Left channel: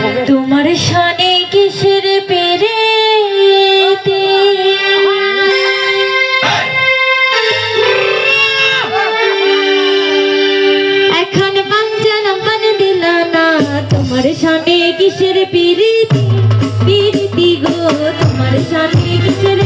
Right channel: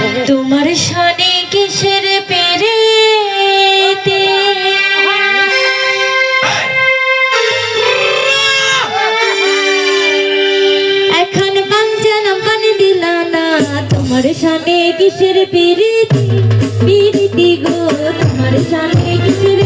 তোমার শানে কিসের পেরেতে? এখন বাঞ্জালাম কানে দিল না, তোমার শানে কিসের পেরে পিরিতি গো, তোমার শানে কিসের